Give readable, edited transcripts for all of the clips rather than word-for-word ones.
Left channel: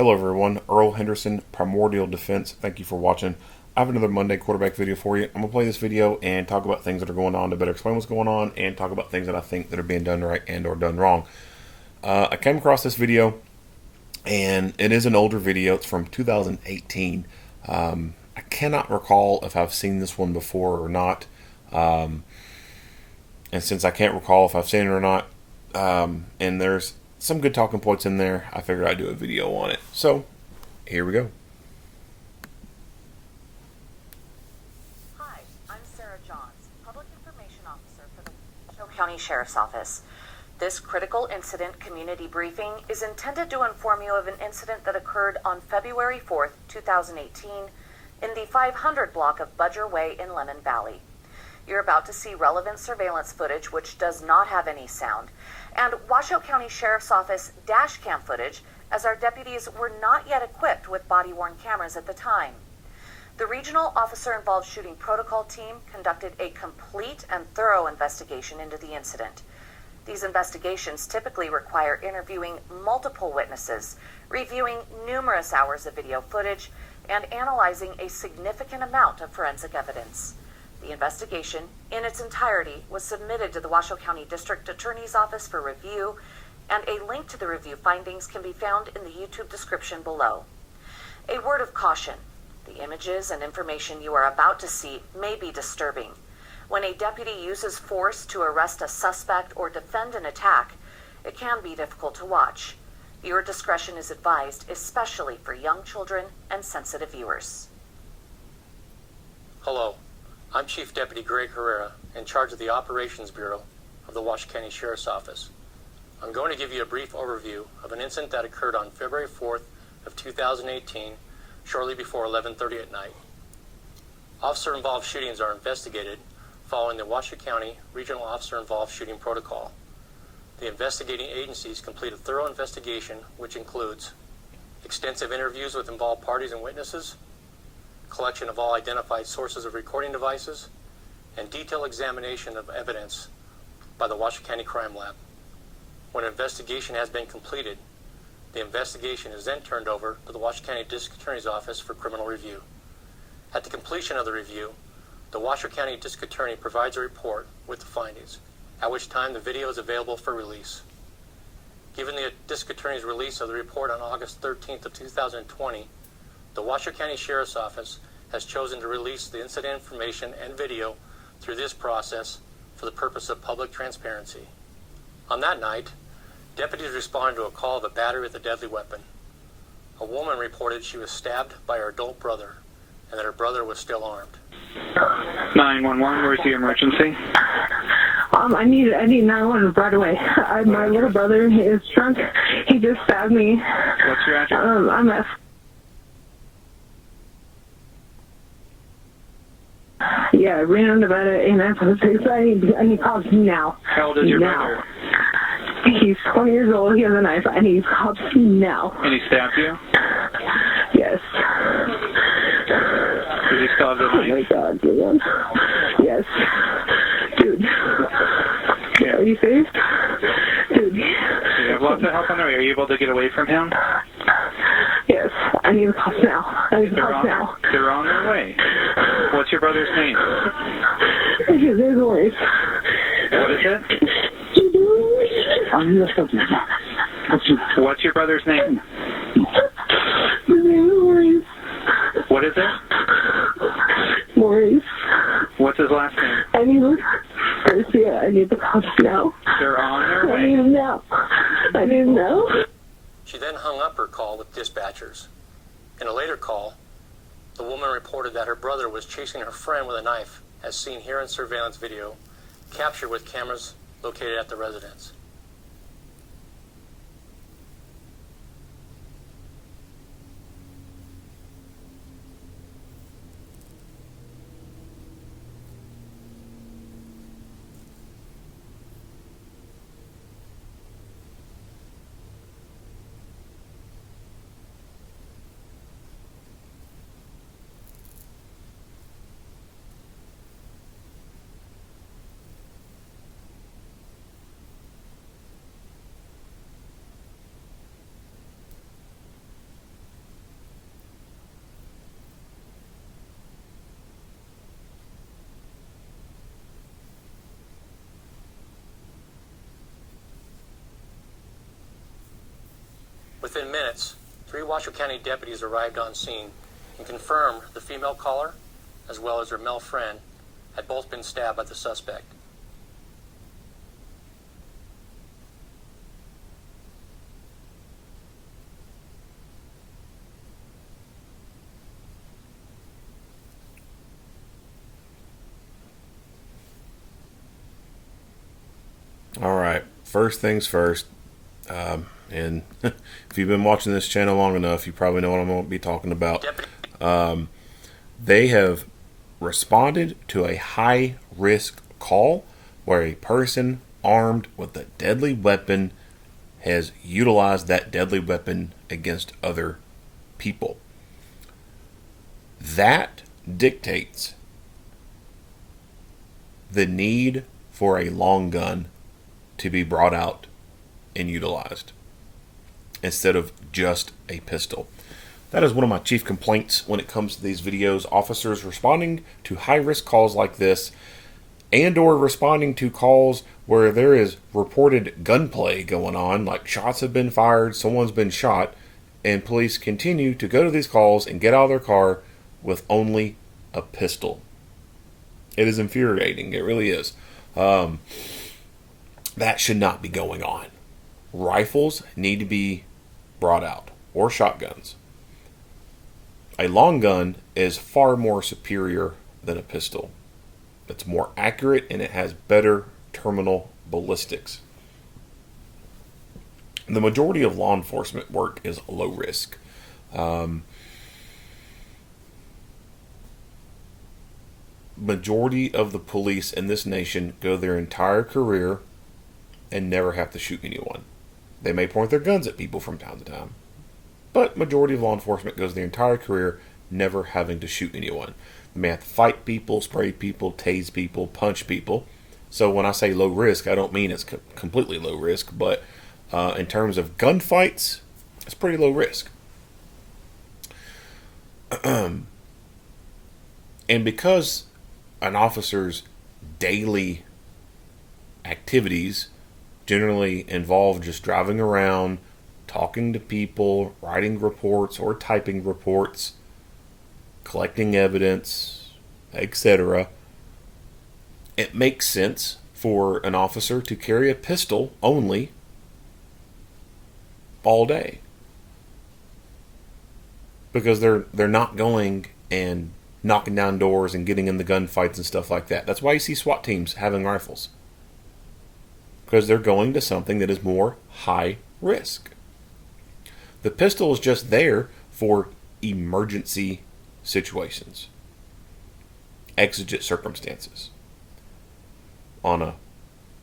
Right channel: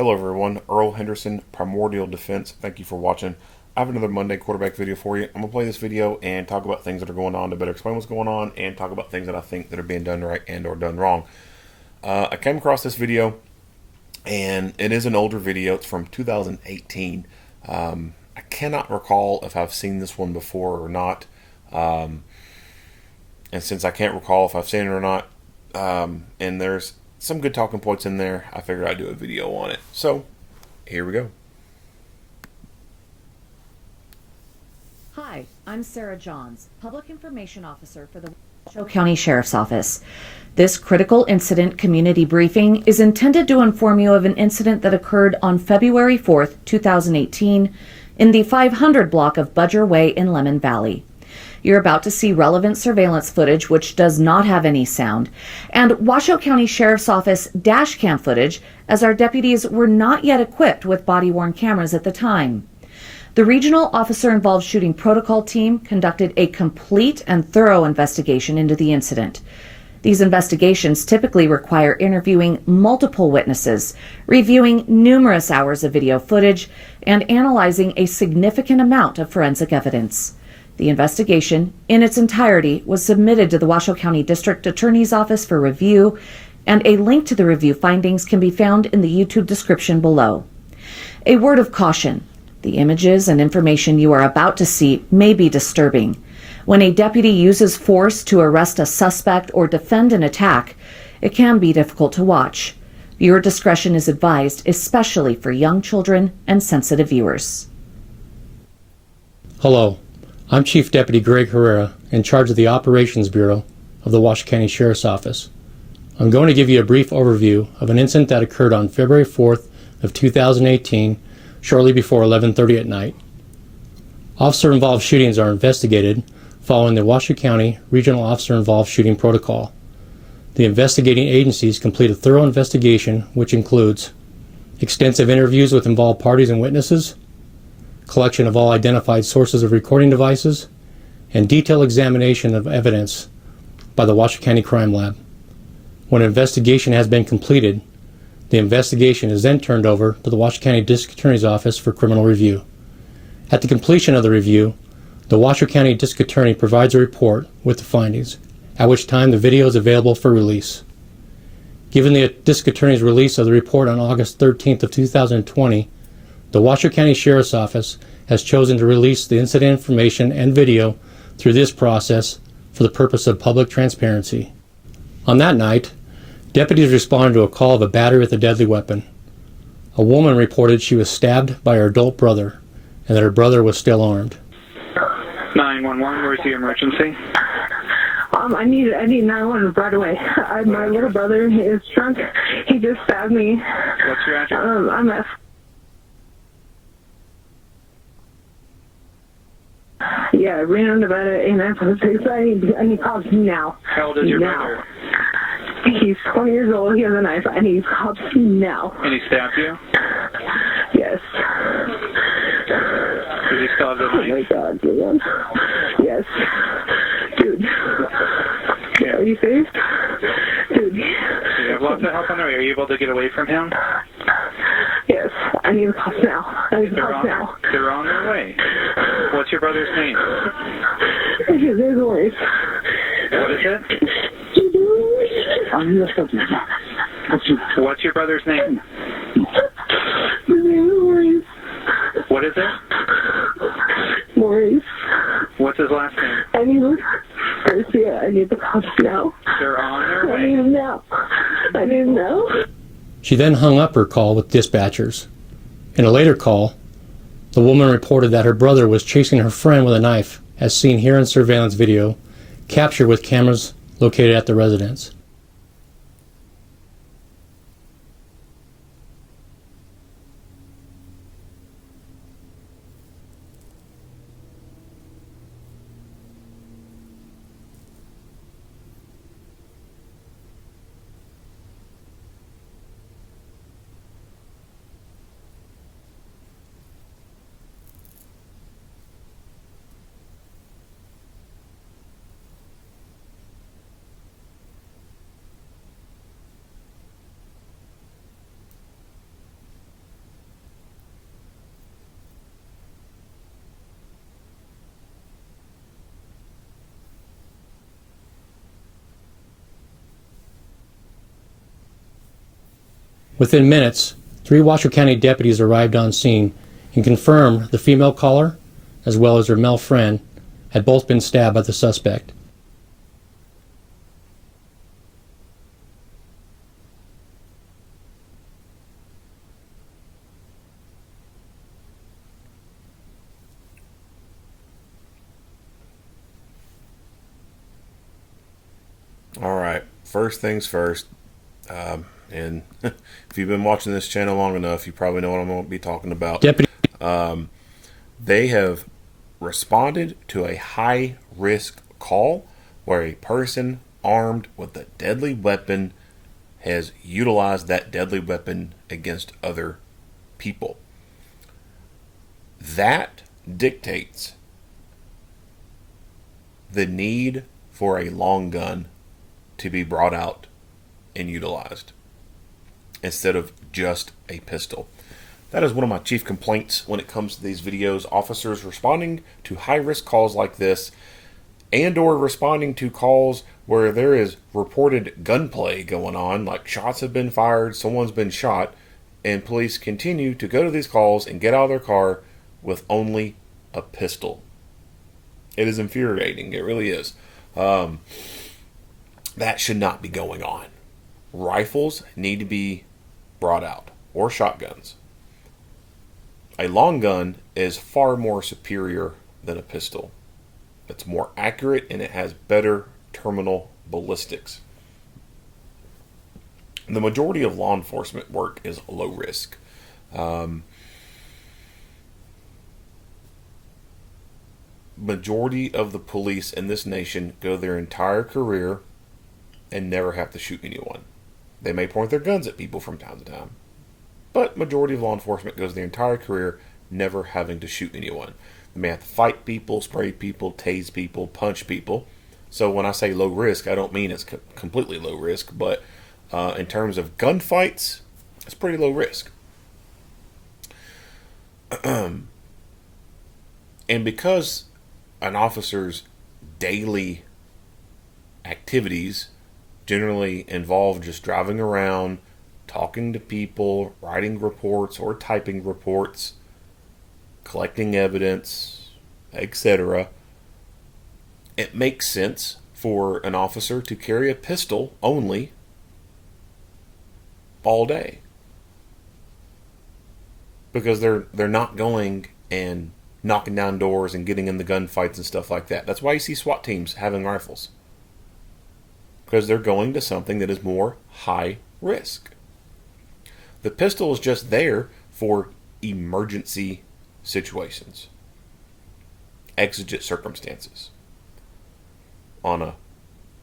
Hello everyone, Earl Henderson, Primordial Defense. Thank you for watching. I have another Monday quarterback video for you. I'm going to play this video and talk about things that are going on to better explain what's going on and talk about things that I think that are being done right and or done wrong. I came across this video and it is an older video. It's from 2018. I cannot recall if I've seen this one before or not. And since I can't recall if I've seen it or not, and there's some good talking points in there, I figured I'd do a video on it. So, here we go. Hi, I'm Sarah Johns, Public Information Officer for the Washoe County Sheriff's Office. This critical incident community briefing is intended to inform you of an incident that occurred on February 4th, 2018 in the 500 block of Budger Way in Lemon Valley. You're about to see relevant surveillance footage which does not have any sound, and Washoe County Sheriff's Office dash cam footage, as our deputies were not yet equipped with body-worn cameras at the time. The Regional Officer Involved Shooting Protocol team conducted a complete and thorough investigation into the incident. These investigations typically require interviewing multiple witnesses, reviewing numerous hours of video footage, and analyzing a significant amount of forensic evidence. The investigation, in its entirety, was submitted to the Washoe County District Attorney's Office for review, and a link to the review findings can be found in the YouTube description below. A word of caution: the images and information you are about to see may be disturbing. When a deputy uses force to arrest a suspect or defend an attack, it can be difficult to watch. Viewer discretion is advised, especially for young children and sensitive viewers. Hello. I'm Chief Deputy Greg Herrera, in charge of the Operations Bureau of the Washoe County Sheriff's Office. I'm going to give you a brief overview of an incident that occurred on February 4th of 2018, shortly before 11:30 at night. Officer-involved shootings are investigated following the Washoe County Regional Officer-Involved Shooting Protocol. The investigating agencies complete a thorough investigation which includes extensive interviews with involved parties and witnesses, collection of all identified sources of recording devices, and detailed examination of evidence by the Washoe County Crime Lab. When an investigation has been completed, the investigation is then turned over to the Washoe County District Attorney's Office for criminal review. At the completion of the review, the Washoe County District Attorney provides a report with the findings, at which time the video is available for release. Given the District Attorney's release of the report on August 13th of 2020, the Washoe County Sheriff's Office has chosen to release the incident information and video through this process for the purpose of public transparency. On that night, deputies responded to a call of a battery with a deadly weapon. A woman reported she was stabbed by her adult brother and that her brother was still armed. 911, where's the emergency? I need 911 right away. My little brother is drunk. He just stabbed me. What's your address? I'm at... Yeah, Reno, Nevada, 8956. I need cops now. How old is your brother? He's 20 years old. He has a knife. I need cops now. And he stabbed you? Yes. Does he still have the knife? Oh my God, dude. Yes. Dude. Yeah. Are you safe? Dude. You have lots of help on the way. Are you able to get away from him? Yes. I need the cops now. I need the cops now. They're on their way. What's your brother's name? There's Maurice. What is it? What's your brother's name? His name is Maurice. What is it? Maurice. What's his last name? I need Garcia. I need the cops now. They're on their I need way. him now. I need him now. She then hung up her call with dispatchers. In a later call, the woman reported that her brother was chasing her friend with a knife, as seen here in surveillance video, captured with cameras located at the residence. Within minutes, 3 Washoe County deputies arrived on scene and confirmed the female caller, as well as her male friend, had both been stabbed by the suspect. All right. First things first. And if you've been watching this channel long enough, you probably know what I'm going to be talking about. Deputy. They have responded to a high-risk call where a person armed with a deadly weapon has utilized that deadly weapon against other people. That dictates the need for a long gun to be brought out and utilized instead of just a pistol. That is one of my chief complaints when it comes to these videos. Officers responding to high-risk calls like this and or responding to calls where there is reported gunplay going on, like shots have been fired, someone's been shot, and police continue to go to these calls and get out of their car with only a pistol. It is infuriating. It really is. That should not be going on. Rifles need to be brought out, or shotguns. A long gun is far more superior than a pistol. It's more accurate and it has better terminal ballistics. The majority of law enforcement work is low risk. Majority of the police in this nation go their entire career and never have to shoot anyone. They may point their guns at people from time to time, but majority of law enforcement goes their entire career never having to shoot anyone. They may have to fight people, spray people, tase people, punch people. So when I say low risk, I don't mean it's completely low risk, but in terms of gunfights, it's pretty low risk. And because an officer's daily activities generally involve just driving around, talking to people, writing reports or typing reports, collecting evidence, etc., it makes sense for an officer to carry a pistol only all day. Because they're not going and knocking down doors and getting in the gunfights and stuff like that. That's why you see SWAT teams having rifles. Because they're going to something that is more high risk. The pistol is just there for emergency situations, exigent circumstances. On a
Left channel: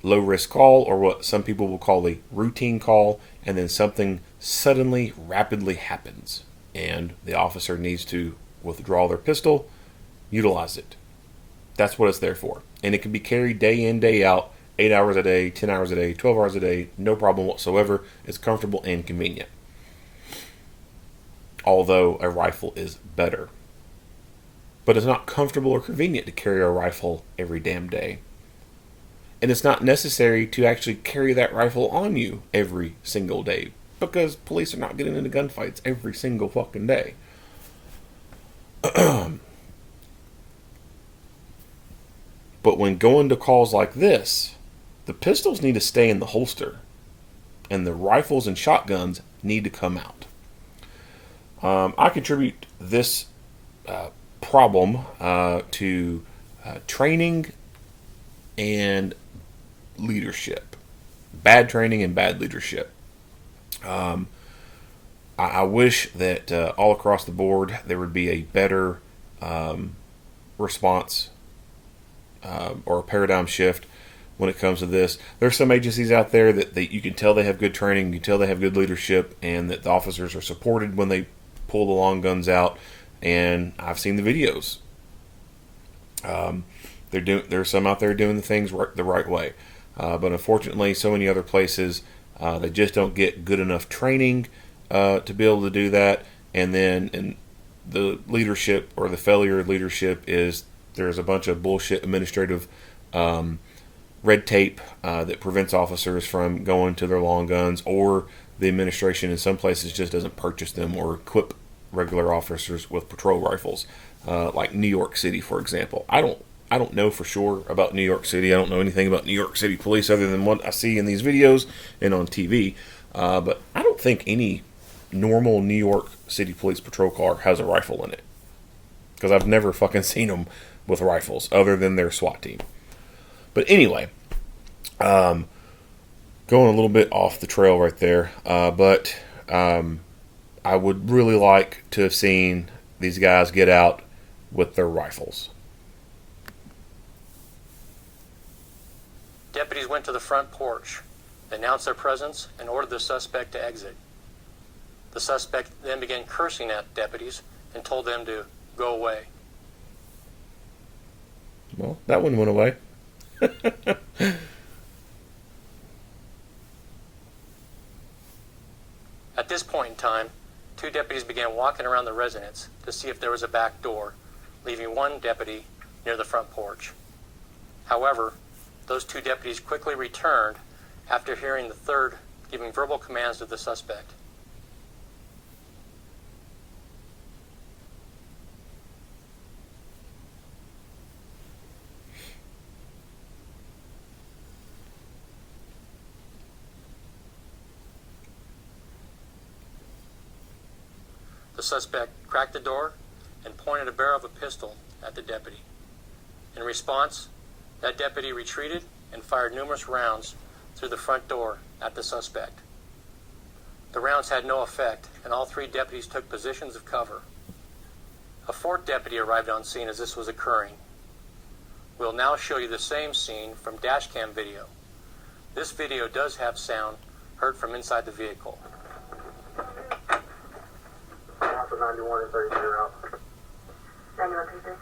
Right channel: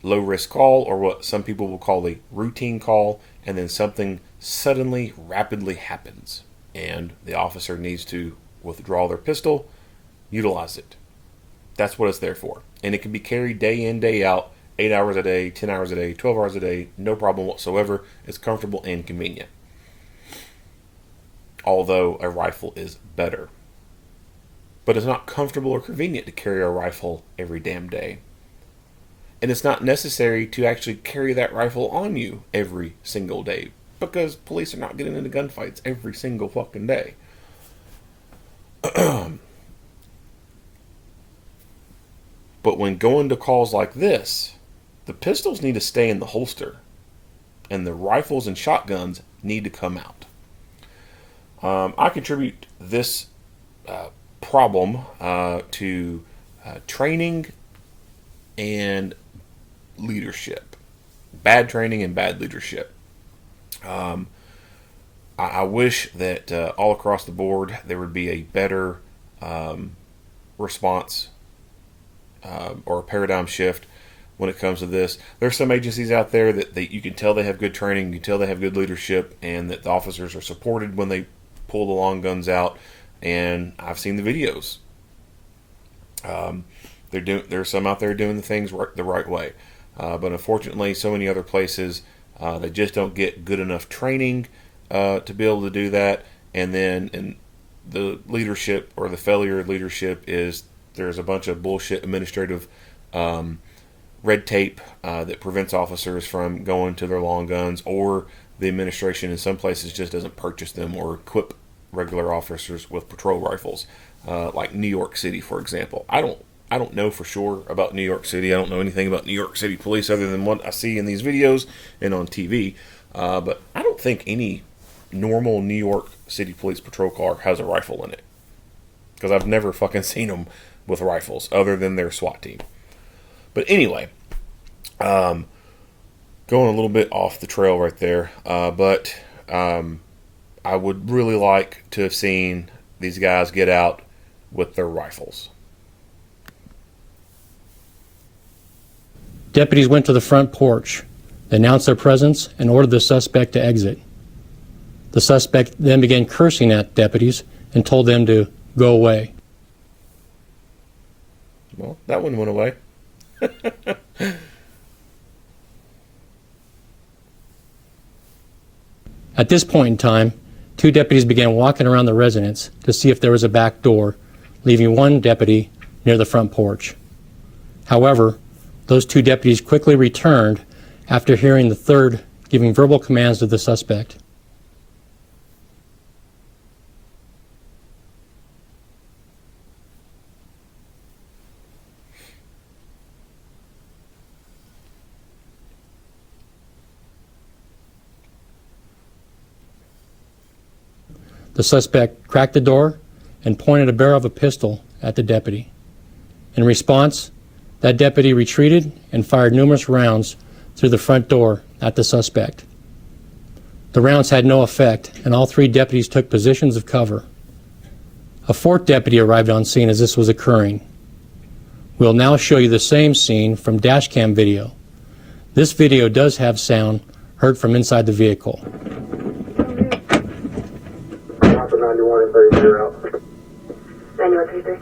low risk call, or what some people will call a routine call, and then something suddenly, rapidly happens, and the officer needs to withdraw their pistol, utilize it. That's what it's there for. And it can be carried day in, day out, 8 hours a day, 10 hours a day, 12 hours a day, no problem whatsoever. It's comfortable and convenient. Although a rifle is better. But it's not comfortable or convenient to carry a rifle every damn day. And it's not necessary to actually carry that rifle on you every single day, because police are not getting into gunfights every single fucking day. But when going to calls like this, the pistols need to stay in the holster, and the rifles and shotguns need to come out. I contribute this problem to training and leadership. Bad training and bad leadership. I wish that all across the board there would be a better response or a paradigm shift when it comes to this. There's some agencies out there that you can tell they have good training, you can tell they have good leadership, and that the officers are supported when they pull the long guns out. And I've seen the videos. There's some out there doing the things the right way, but unfortunately, so many other places they just don't get good enough training to be able to do that. And then the leadership, or the failure of leadership, is there's a bunch of bullshit administrative red tape that prevents officers from going to their long guns, or the administration in some places just doesn't purchase them or equip regular officers with patrol rifles, like New York City, for example. I don't know for sure about New York City. I don't know anything about New York City police other than what I see in these videos and on TV. But I don't think any normal New York City police patrol car has a rifle in it, because I've never fucking seen them with rifles other than their SWAT team. But anyway, going a little bit off the trail right there, but I would really like to have seen these guys get out with their rifles. Deputies went to the front porch, announced their presence, and ordered the suspect to exit. The suspect then began cursing at deputies and told them to go away. Well, that one went away. At this point in time, 2 deputies began walking around the residence to see if there was a back door, leaving 1 deputy near the front porch. However, those 2 deputies quickly returned after hearing the 3rd giving verbal commands to the suspect. The suspect cracked the door and pointed a barrel of a pistol at the deputy. In response, that deputy retreated and fired numerous rounds through the front door at the suspect. The rounds had no effect, and all 3 deputies took positions of cover. A 4th deputy arrived on scene as this was occurring. We'll now show you the same scene from dashcam video. This video does have sound heard from inside the vehicle. 91 and 30 out. 91 33.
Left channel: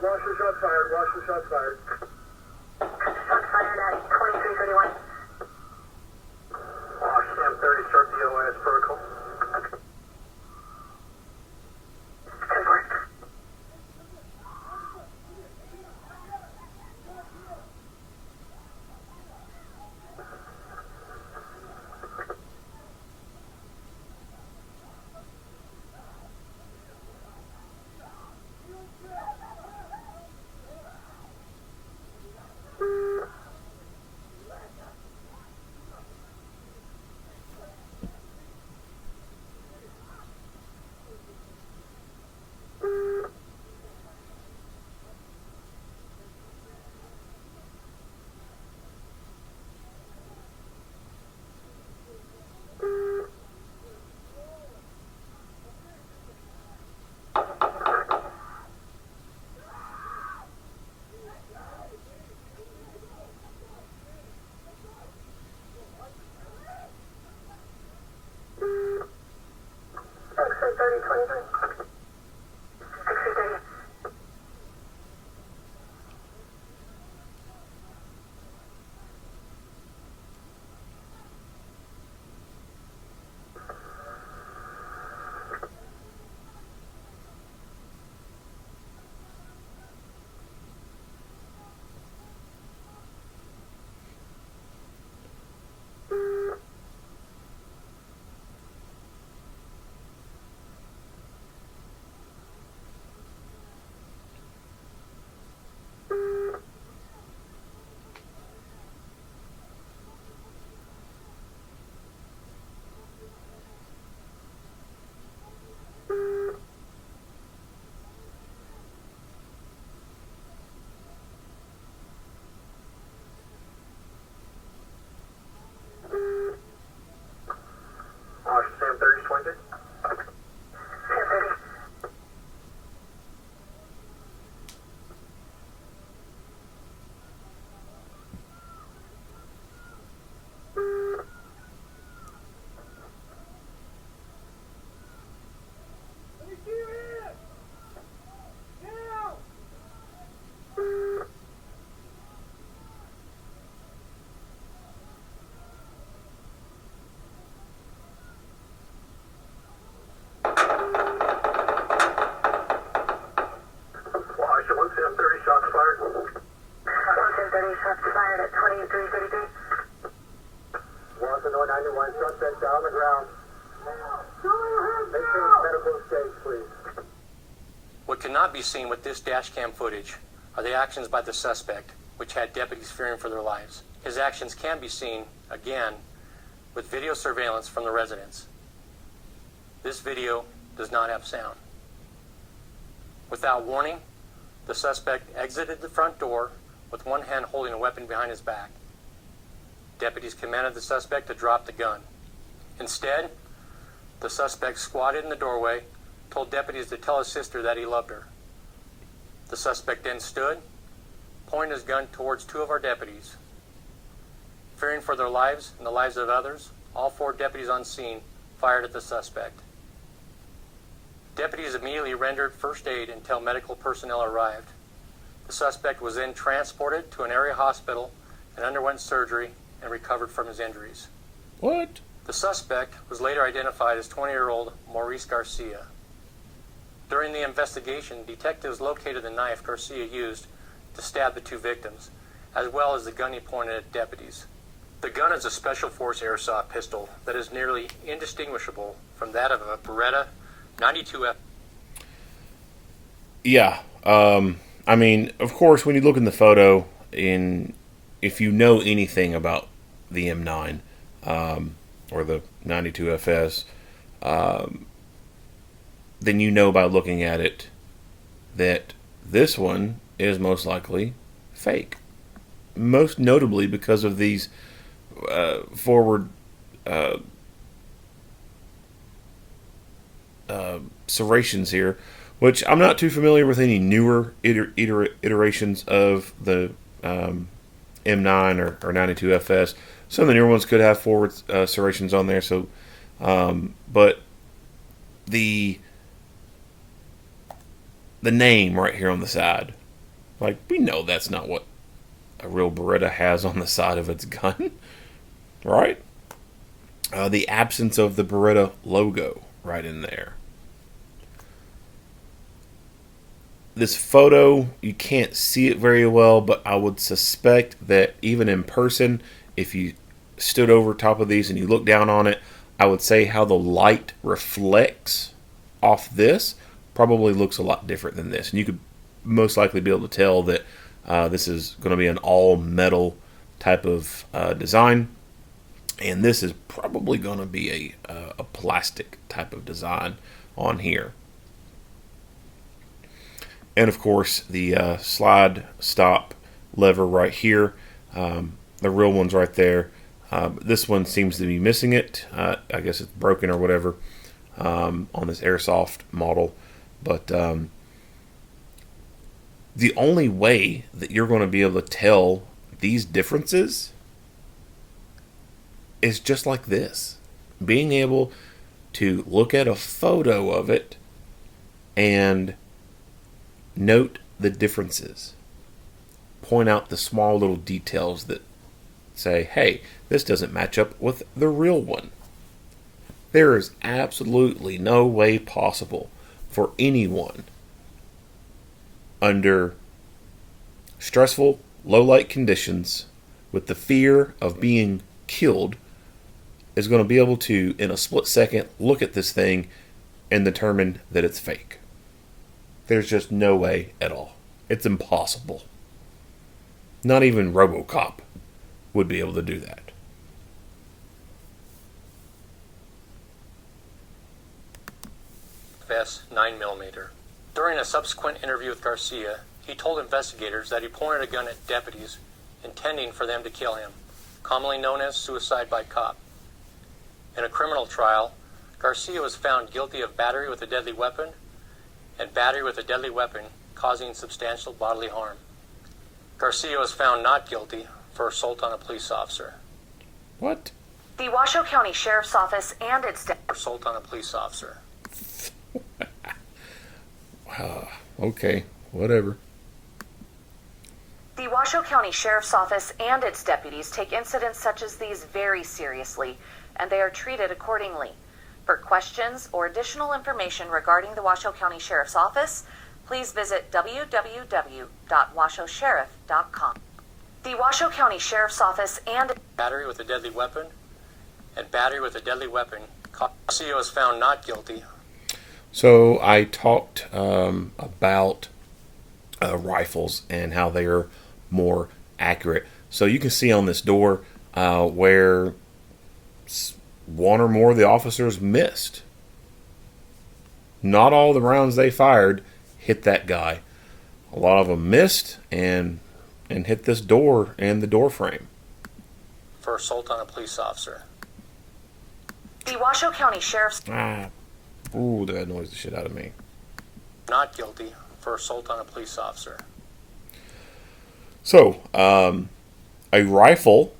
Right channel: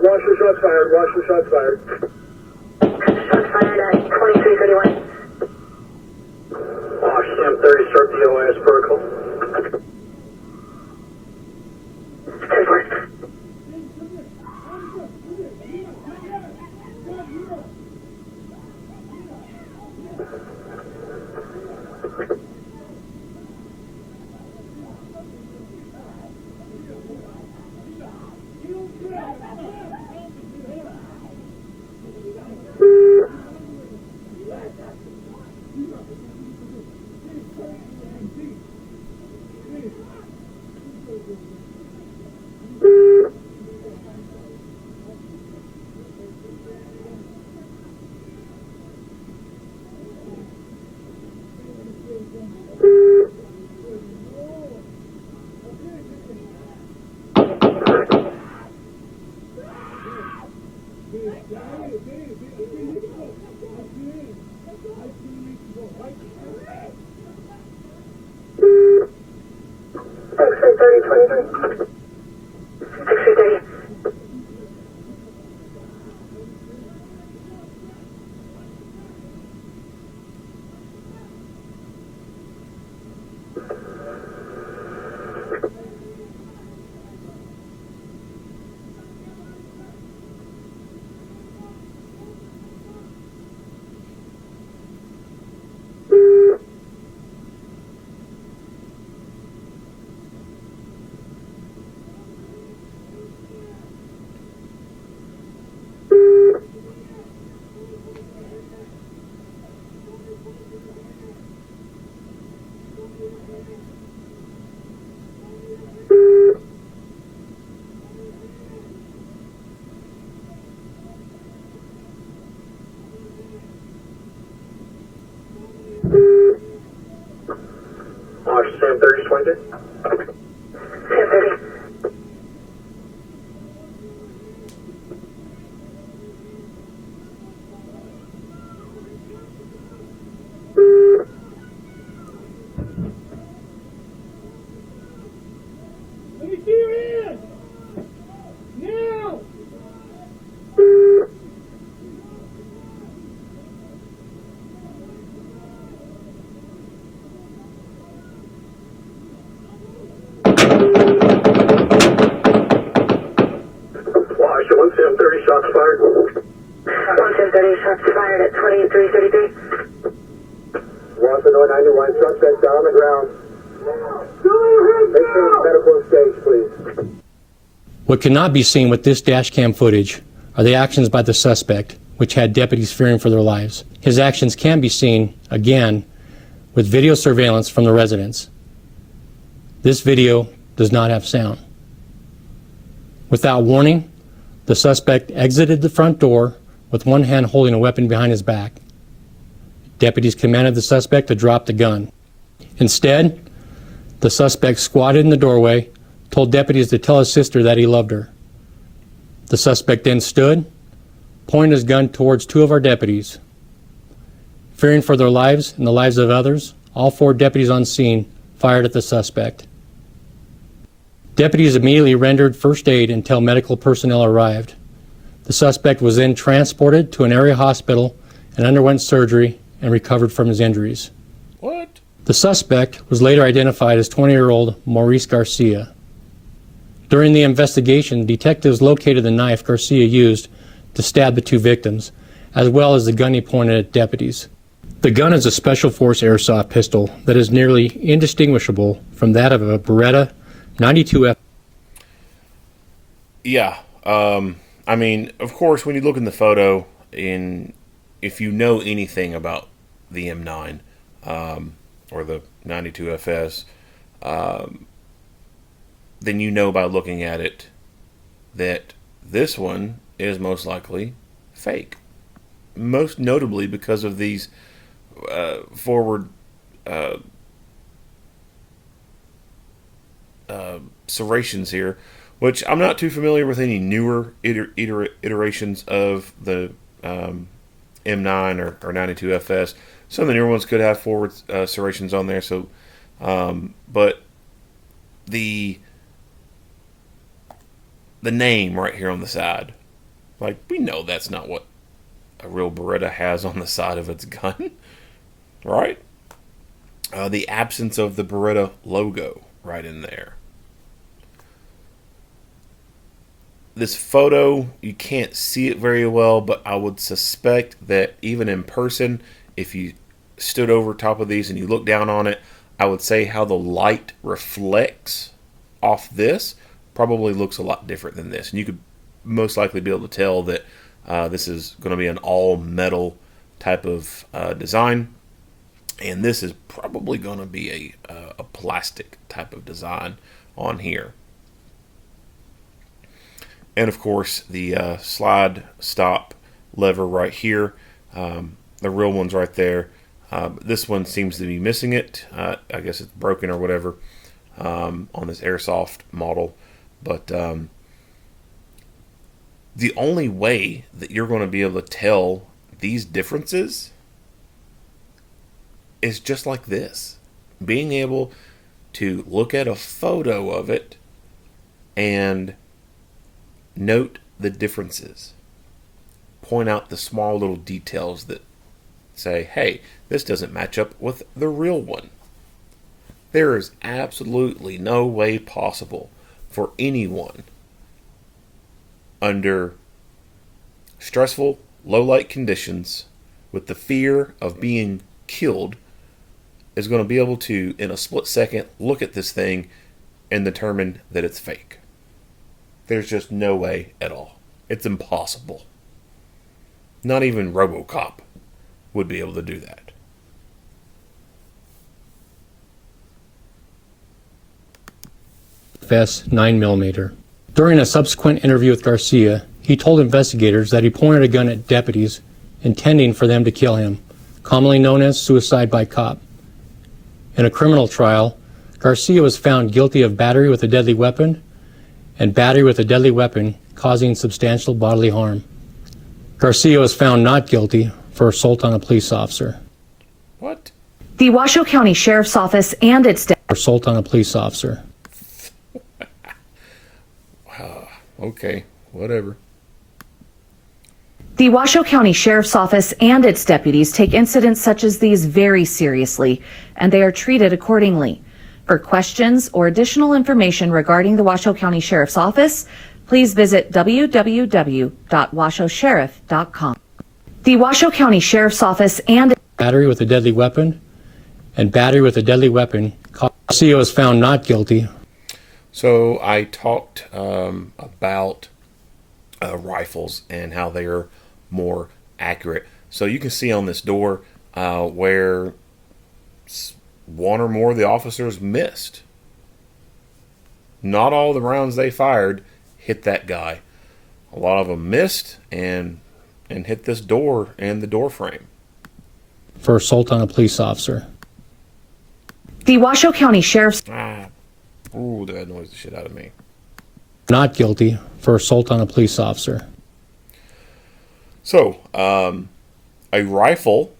Washoe shots fired. Washoe shots fired. Shots fired at 2331. Washoe 30 start DOS vertical. 10-4. What cannot be seen with this dash cam footage are the actions by the suspect, which had deputies fearing for their lives. His actions can be seen, again, with video surveillance from the residence. This video does not have sound. Without warning, the suspect exited the front door with one hand holding a weapon behind his back. Deputies commanded the suspect to drop the gun. Instead, the suspect squatted in the doorway, told deputies to tell his sister that he loved her. The suspect then stood, pointed his gun towards two of our deputies. Fearing for their lives and the lives of others, all 4 deputies on scene fired at the suspect. Deputies immediately rendered first aid until medical personnel arrived. The suspect was then transported to an area hospital and underwent surgery and recovered from his injuries. What? The suspect was later identified as 20-year-old Maurice Garcia. During the investigation, detectives located the knife Garcia used to stab the 2 victims, as well as the gun he pointed at deputies. The gun is a Special Force airsoft pistol that is nearly indistinguishable from that of a Beretta 92F. Yeah. I mean, of course, when you look in the photo, if you know anything about the M9 or the 92FS, then you know by looking at it that this one is most likely fake. Most notably because of these forward serrations here, which I'm not too familiar with any newer iterations of the M9 or 92FS. Some of the newer ones could have forward serrations on there. So, but the name right here on the side, like, we know that's not what a real Beretta has on the side of its gun, right? The absence of the Beretta logo right in there. This photo, you can't see it very well, but I would suspect that even in person, if you stood over top of these and you look down on it, I would say how the light reflects off this probably looks a lot different than this. And you could most likely be able to tell that this is going to be an all-metal type of design. And this is probably going to be a plastic type of design on here. And of course, the slide stop lever right here. The real one's right there. This one seems to be missing it. I guess it's broken or whatever on this airsoft model. But the only way that you're going to be able to tell these differences is just like this. Being able to look at a photo of it and note the differences. Point out the small little details that say, hey, this doesn't match up with the real one. There is absolutely no way possible for anyone under stressful, low-light conditions with the fear of being killed is going to be able to, in a split second, look at this thing and determine that it's fake. There's just no way at all. It's impossible. Not even RoboCop would be able to do that. FS 9mm. During a subsequent interview with Garcia, he told investigators that he pointed a gun at deputies intending for them to kill him, commonly known as suicide by cop. In a criminal trial, Garcia was found guilty of battery with a deadly weapon and battery with a deadly weapon causing substantial bodily harm. Garcia was found not guilty for assault on a police officer. What? The Washoe County Sheriff's Office and its Assault on a police officer. Okay, whatever. The Washoe County Sheriff's Office and its deputies take incidents such as these very seriously, and they are treated accordingly. For questions or additional information regarding the Washoe County Sheriff's Office, please visit www.washoesheriff.com. The Washoe County Sheriff's Office and Battery with a deadly weapon and battery with a deadly weapon. Garcia was found not guilty. So I talked about rifles and how they are more accurate. So you can see on this door where one or more of the officers missed. Not all the rounds they fired hit that guy. A lot of them missed and hit this door and the door frame. For assault on a police officer. The Washoe County Sheriff's Ooh, that annoys the shit out of me. Not guilty for assault on a police officer. So, a rifle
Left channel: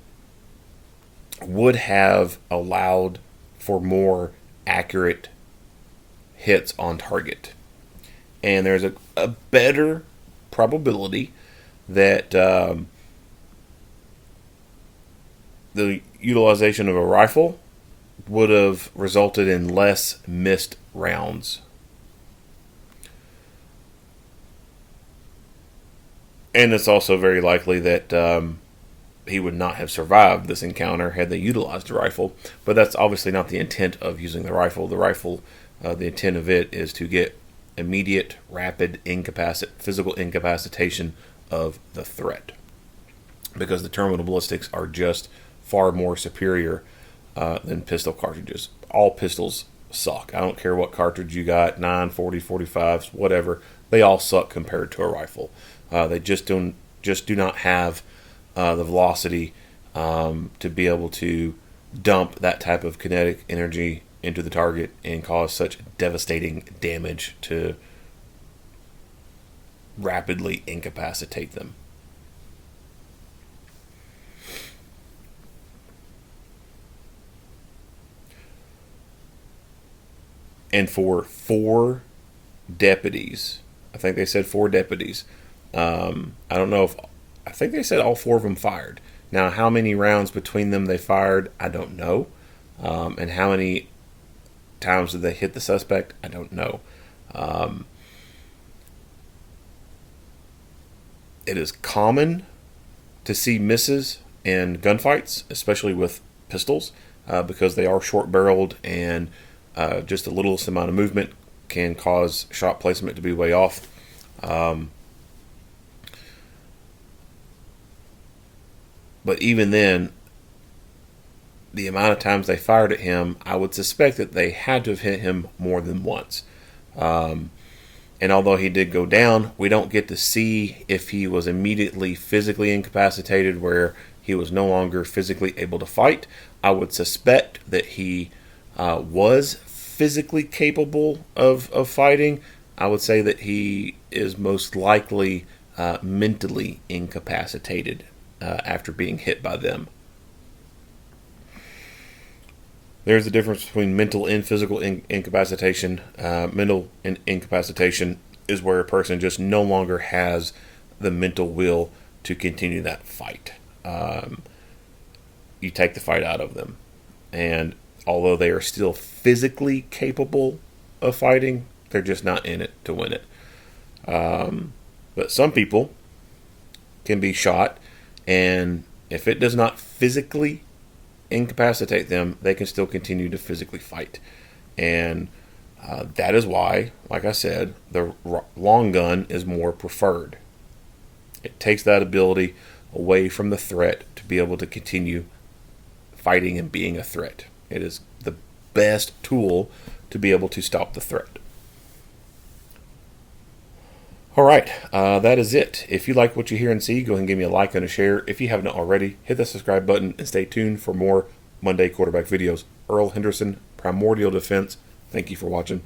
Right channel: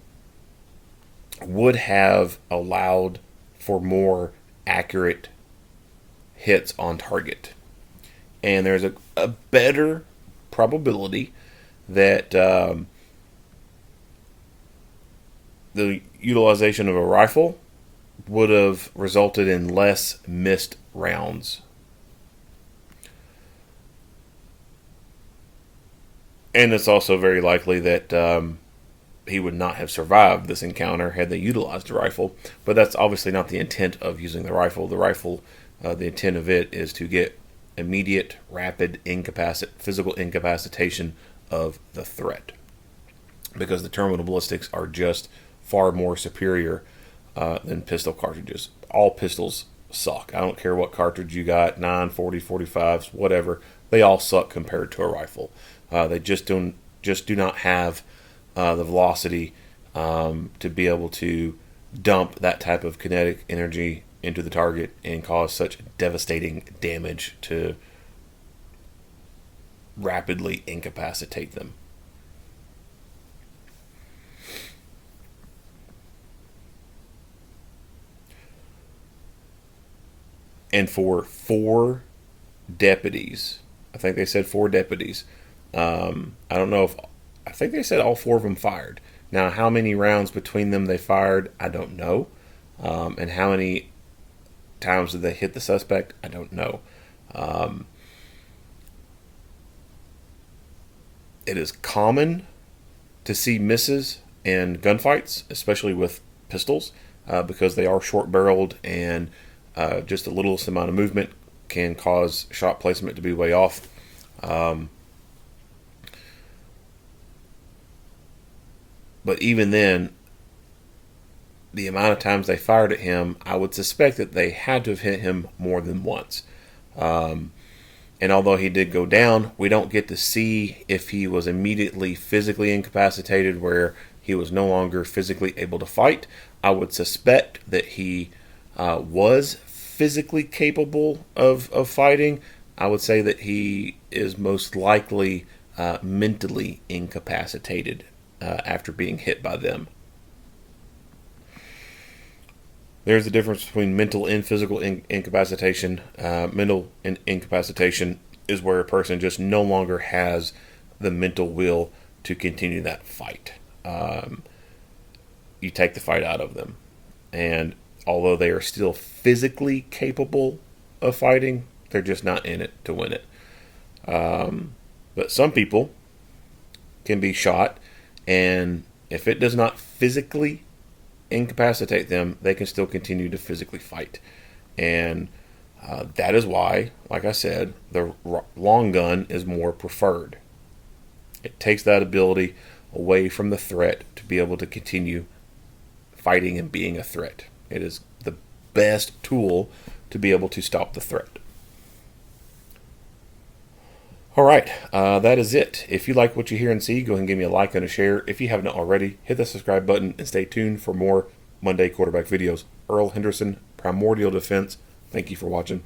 would have allowed for more accurate hits on target. And there's a better probability that the utilization of a rifle would have resulted in less missed rounds. And it's also very likely that he would not have survived this encounter had they utilized a rifle. But that's obviously not the intent of using the rifle. The rifle, the intent of it is to get immediate, rapid physical incapacitation of the threat. Because the terminal ballistics are just far more superior than pistol cartridges. All pistols suck. I don't care what cartridge you got, 9, 40, 45s, whatever. They all suck compared to a rifle. They just do not have the velocity to be able to dump that type of kinetic energy into the target and cause such devastating damage to rapidly incapacitate them. And for 4 deputies, I think they said 4 deputies. I don't know I think they said all 4 of them fired. Now, how many rounds between them they fired, I don't know. And how many times did they hit the suspect, I don't know. It is common to see misses in gunfights, especially with pistols, because they are short-barreled and just the littlest amount of movement can cause shot placement to be way off. But even then, the amount of times they fired at him, I would suspect that they had to have hit him more than once. And although he did go down, we don't get to see if he was immediately physically incapacitated where he was no longer physically able to fight. I would suspect that he was physically capable of fighting. I would say that he is most likely mentally incapacitated after being hit by them. There's a difference between mental and physical incapacitation. Mental incapacitation is where a person just no longer has the mental will to continue that fight. You take the fight out of them. And although they are still physically capable of fighting, they're just not in it to win it. But some people can be shot, and if it does not physically incapacitate them, they can still continue to physically fight. And that is why, like I said, the long gun is more preferred. It takes that ability away from the threat to be able to continue fighting and being a threat. It is the best tool to be able to stop the threat. All right, that is it. If you like what you hear and see, go ahead and give me a like and a share. If you haven't already, hit the subscribe button and stay tuned for more Monday quarterback videos. Earl Henderson, Primordial Defense. Thank you for watching.